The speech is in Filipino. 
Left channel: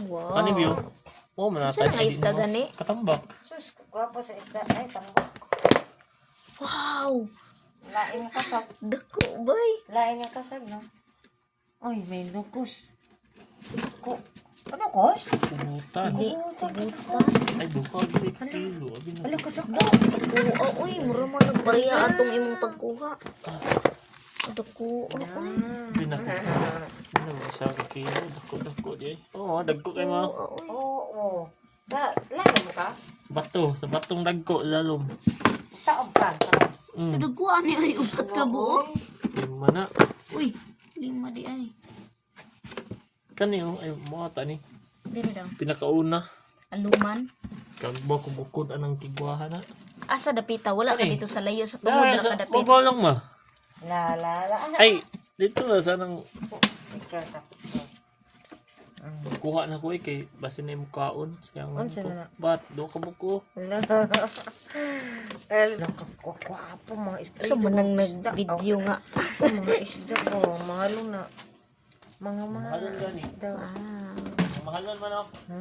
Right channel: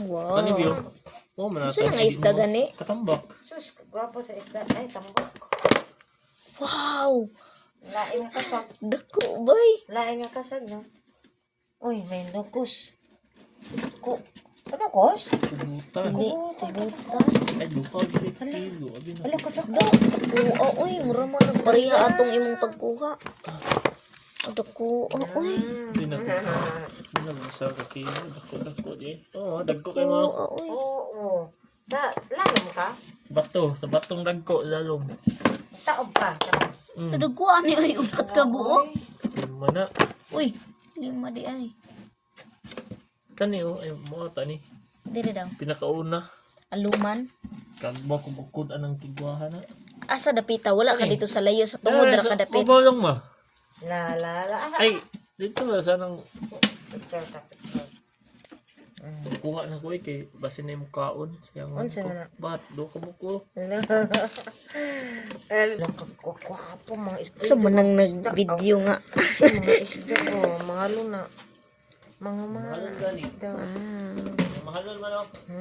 Wow. Kani biyo. Oh, Saan ang isda gani? Katambak. Sus, gwapo sa isda. Ay, tambok. Wow. Lain nga kasag. Dako, bay. Lain nga kasag, no? Uy, may nukos. Ano, kos? Kubutan. Dili, kubutan. Ay, duha. Kilo. Wala ka tako. Dako, uy, mura man nagpareha atong imong pagkuha. Dako, uy. Hindi na isa ka kilo. Dako. Oo, dagko kayo mga. Uy. Oo. Lalom ka? Bato. Sa batong dagko. Lalong. Taob ka. Dako, ani ay upat ka buo. Mana. Uy, lima di ay. Kani oh. Ay, mga ni. Dili daw. Pinakauna. Aluman. Kabo kung bukod anang tigwahan na. Asa dapita, wala ka dito sa layo sa tungod ra ka dapit. Mabalang ma. La. Ay, dito na sanang Picture ta, picture. kuha na ko kay basin na yung kaon. Sayang Unsa na? Bat, do ka buko. Nakakwapo mga isda. So manang nag-video nga. Mga isda ko. Mga luna. Mga Mahalan gani. isda. Mahalan man ako.